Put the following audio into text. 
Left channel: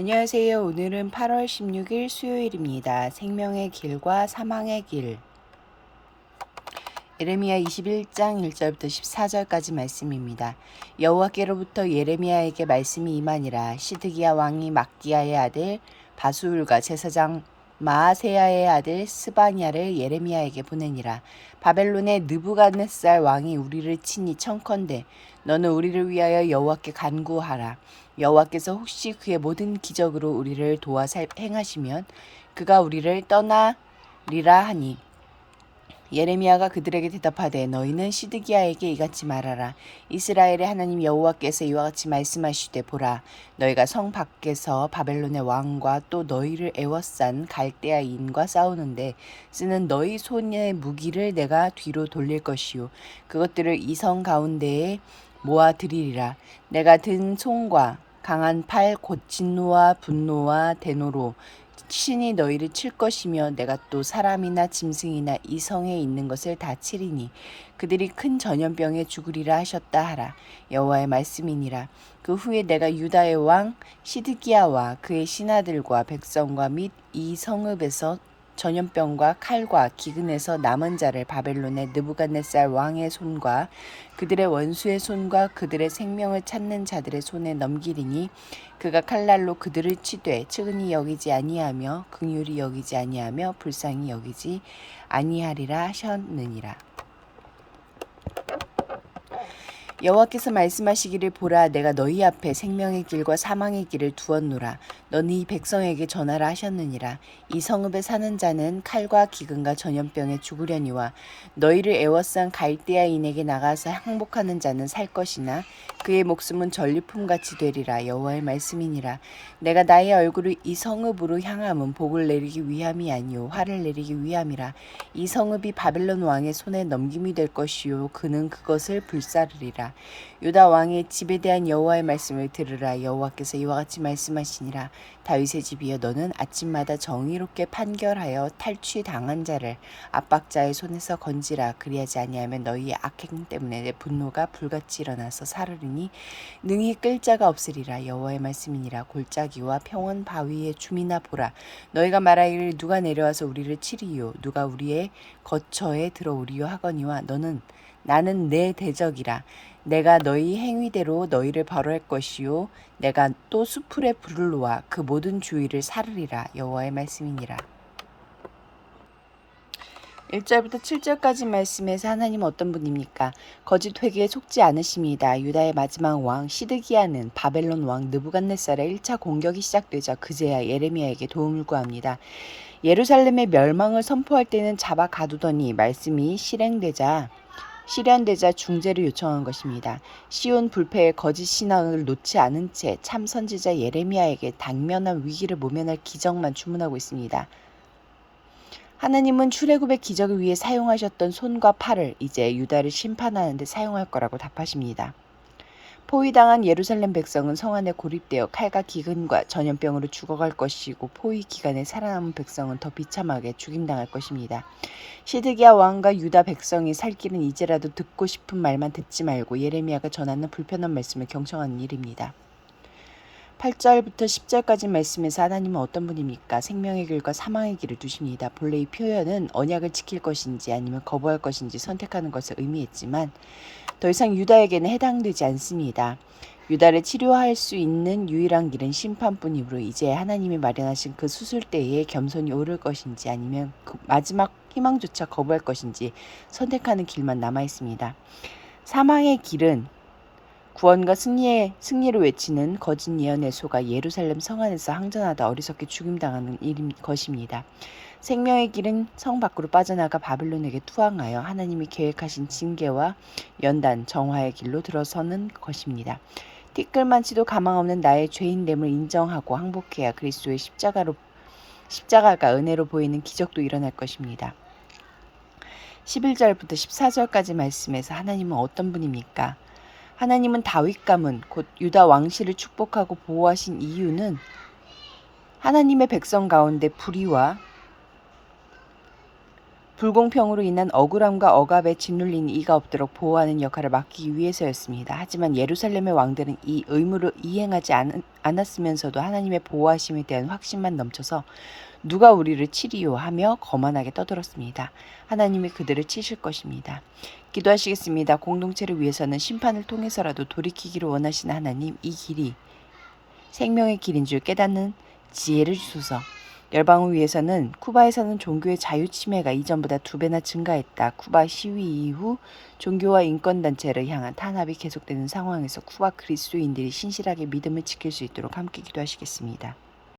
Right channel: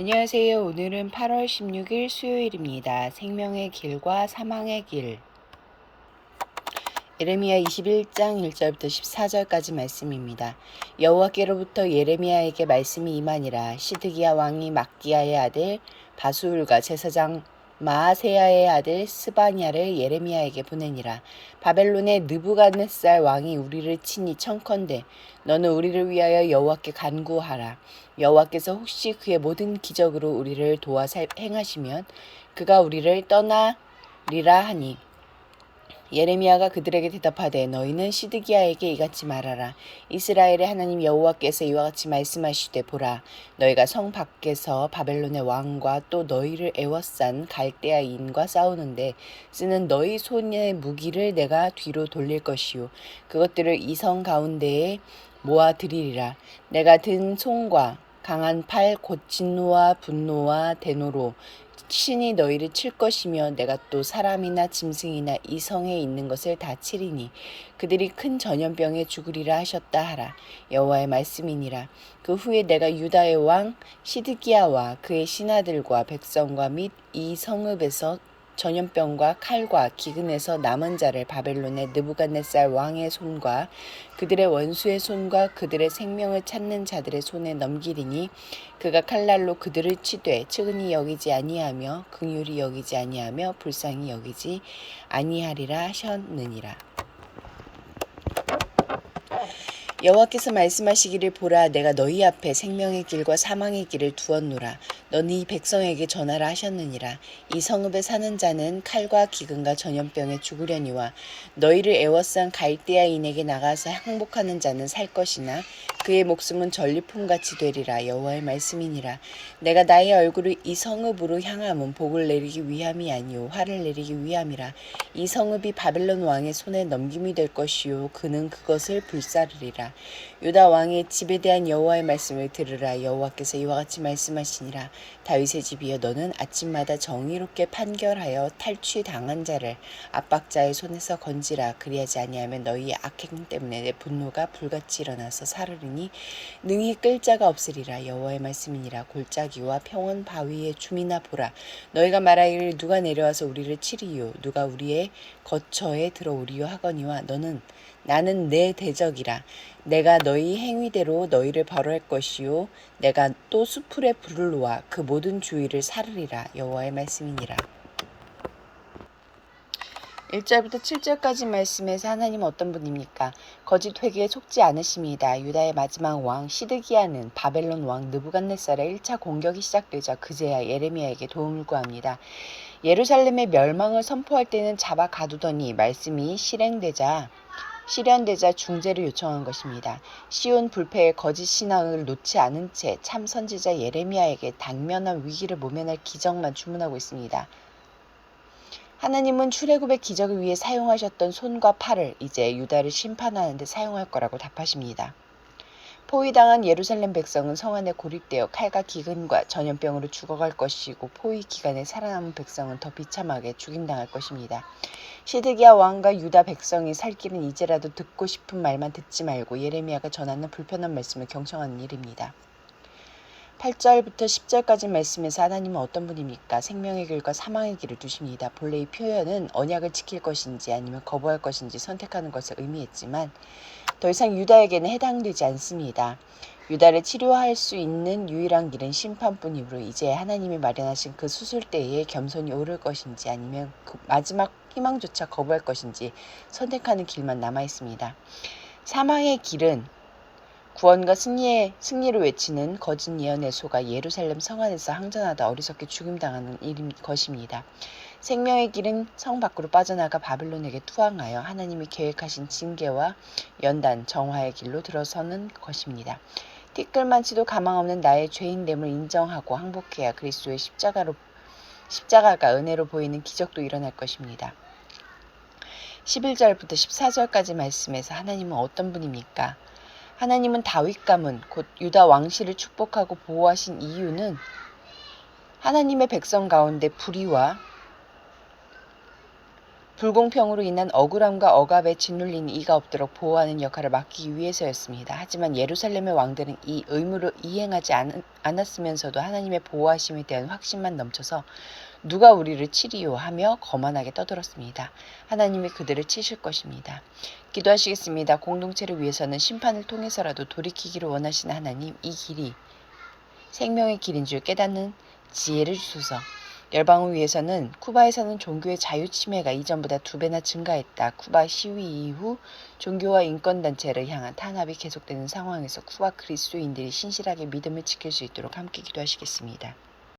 안녕하세요. 오늘은 8월 16일 수요일입니다. 생명의 길과 사망의 길. 예레미야 21장 1절부터 14절까지 말씀입니다. 여호와께로부터 예레미야에게 말씀이 임하니라. 시드기야 왕이 막기야의 아들 바수울과 제사장 마아세야의 아들 스바냐를 예레미야에게 보내니라. 바벨론의 느부갓네살 왕이 우리를 치니 청컨대 너는 우리를 위하여 여호와께 간구하라. 여호와께서 혹시 그의 모든 기적으로 우리를 도와 행하시면 그가 우리를 떠나리라 하니 예레미야가 그들에게 대답하되 너희는 시드기야에게 이같이 말하라. 이스라엘의 하나님 여호와께서 이와 같이 말씀하시되 보라 너희가 성 밖에서 바벨론의 왕과 또 너희를 애워싼 갈대아인과 싸우는데 쓰는 너희 손의 무기를 내가 뒤로 돌릴 것이요 그것들을 이 성 가운데에 모아 드리리라. 내가 든 손과 강한 팔 곧 진노와 분노와 대노로 신이 너희를 칠 것이며 내가 또 사람이나 짐승이나 이 성에 있는 것을 다 치리니 그들이 큰 전염병에 죽으리라 하셨다 하라. 여호와의 말씀이니라. 그 후에 내가 유다의 왕 시드기야와 그의 신하들과 백성과 및 이 성읍에서 전염병과 칼과 기근에서 남은 자를 바벨론의 느부갓네살 왕의 손과 그들의 원수의 손과 그들의 생명을 찾는 자들의 손에 넘기리니 그가 칼날로 그들을 치되 측은히 여기지 아니하며 긍휼히 여기지 아니하며 불쌍히 여기지 아니하리라 하셨느니라. 여호와께서 말씀하시기를 보라 내가 너희 앞에 생명의 길과 사망의 길을 두었노라. 너는 이 백성에게 전하라 하셨느니라. 이 성읍에 사는 자는 칼과 기근과 전염병에 죽으려니와 너희를 애워싼 갈대아인에게 나가서 항복하는 자는 살 것이나 그의 목숨은 전리품같이 되리라. 여호와의 말씀이니라. 내가 나의 얼굴을 이 성읍으로 향함은 복을 내리기 위함이 아니요 화를 내리기 위함이라. 이 성읍이 바벨론 왕의 손에 넘김이 될 것이요 그는 그것을 불사르리라. 유다 왕의 집에 대한 여호와의 말씀을 들으라. 여호와께서 이와 같이 말씀하시니라. 다윗의 집이여 너는 아침마다 정의롭게 판결하여 탈취당한 자를 압박자의 손에서 건지라. 그리하지 아니하면 너희의 악행 때문에 내 분노가 불같이 일어나서 사르리니 능히 끌 자가 없으리라. 여호와의 말씀이니라. 골짜기와 평원 바위의 주민아 보라. 너희가 말하기를 누가 내려와서 우리를 치리요 누가 우리의 거처에 들어오리요 하거니와 나는 내 대적이라. 내가 너희 행위대로 너희를 벌할 것이요 내가 또 수풀에 불을 놓아 그 모든 주위를 사르리라. 여호와의 말씀이니라. 1절부터 7절까지 말씀에서 하나님은 어떤 분입니까? 거짓 회개에 속지 않으십니다. 유다의 마지막 왕 시드기야는 바벨론 왕 느부갓네살의 1차 공격이 시작되자 그제야 예레미야에게 도움을 구합니다. 예루살렘의 멸망을 선포할 때는 잡아 가두더니 말씀이 실현되자 중재를 요청한 것입니다. 시온 불패의 거짓 신앙을 놓지 않은 채 참 선지자 예레미야에게 당면한 위기를 모면할 기적만 주문하고 있습니다. 하나님은 출애굽의 기적을 위해 사용하셨던 손과 팔을 이제 유다를 심판하는 데 사용할 거라고 답하십니다. 포위당한 예루살렘 백성은 성 안에 고립되어 칼과 기근과 전염병으로 죽어갈 것이고 포위 기간에 살아남은 백성은 더 비참하게 죽임당할 것입니다. 시드기야 왕과 유다 백성이 살 길은 이제라도 듣고 싶은 말만 듣지 말고 예레미야가 전하는 불편한 말씀을 경청하는 일입니다. 8절부터 10절까지 말씀에서 하나님은 어떤 분입니까? 생명의 길과 사망의 길을 두십니다. 본래 이 표현은 언약을 지킬 것인지 아니면 거부할 것인지 선택하는 것을 의미했지만 더 이상 유다에게는 해당되지 않습니다. 유다를 치료할 수 있는 유일한 길은 심판뿐이므로 이제 하나님이 마련하신 그 수술대에 겸손히 오를 것인지 아니면 그 마지막 희망조차 거부할 것인지 선택하는 길만 남아 있습니다. 사망의 길은 구원과 승리를 외치는 거짓 예언의 소가 예루살렘 성 안에서 항전하다 어리석게 죽임당하는 일인 것입니다. 생명의 길은 성 밖으로 빠져나가 바벨론에게 투항하여 하나님이 계획하신 징계와 연단, 정화의 길로 들어서는 것입니다. 티끌만치도 가망 없는 나의 죄인됨을 인정하고 항복해야 그리스도의 십자가가 은혜로 보이는 기적도 일어날 것입니다. 11절부터 14절까지 말씀에서 하나님은 어떤 분입니까? 하나님은 다윗 가문 곧 유다 왕실을 축복하고 보호하신 이유는 하나님의 백성 가운데 불의와 불공평으로 인한 억울함과 억압에 짓눌린 이가 없도록 보호하는 역할을 맡기기 위해서였습니다. 하지만 예루살렘의 왕들은 이 의무를 이행하지 않았으면서도 하나님의 보호하심에 대한 확신만 넘쳐서 누가 우리를 치리요 하며 거만하게 떠들었습니다. 하나님이 그들을 치실 것입니다. 기도하시겠습니다. 공동체를 위해서는 심판을 통해서라도 돌이키기를 원하시는 하나님, 이 길이 생명의 길인 줄 깨닫는 지혜를 주소서. 열방을 위해서는 쿠바에서는 종교의 자유 침해가 이전보다 2배나 증가했다. 쿠바 시위 이후 종교와 인권단체를 향한 탄압이 계속되는 상황에서 쿠바 그리스도인들이 신실하게 믿음을 지킬 수 있도록 함께 기도하시겠습니다.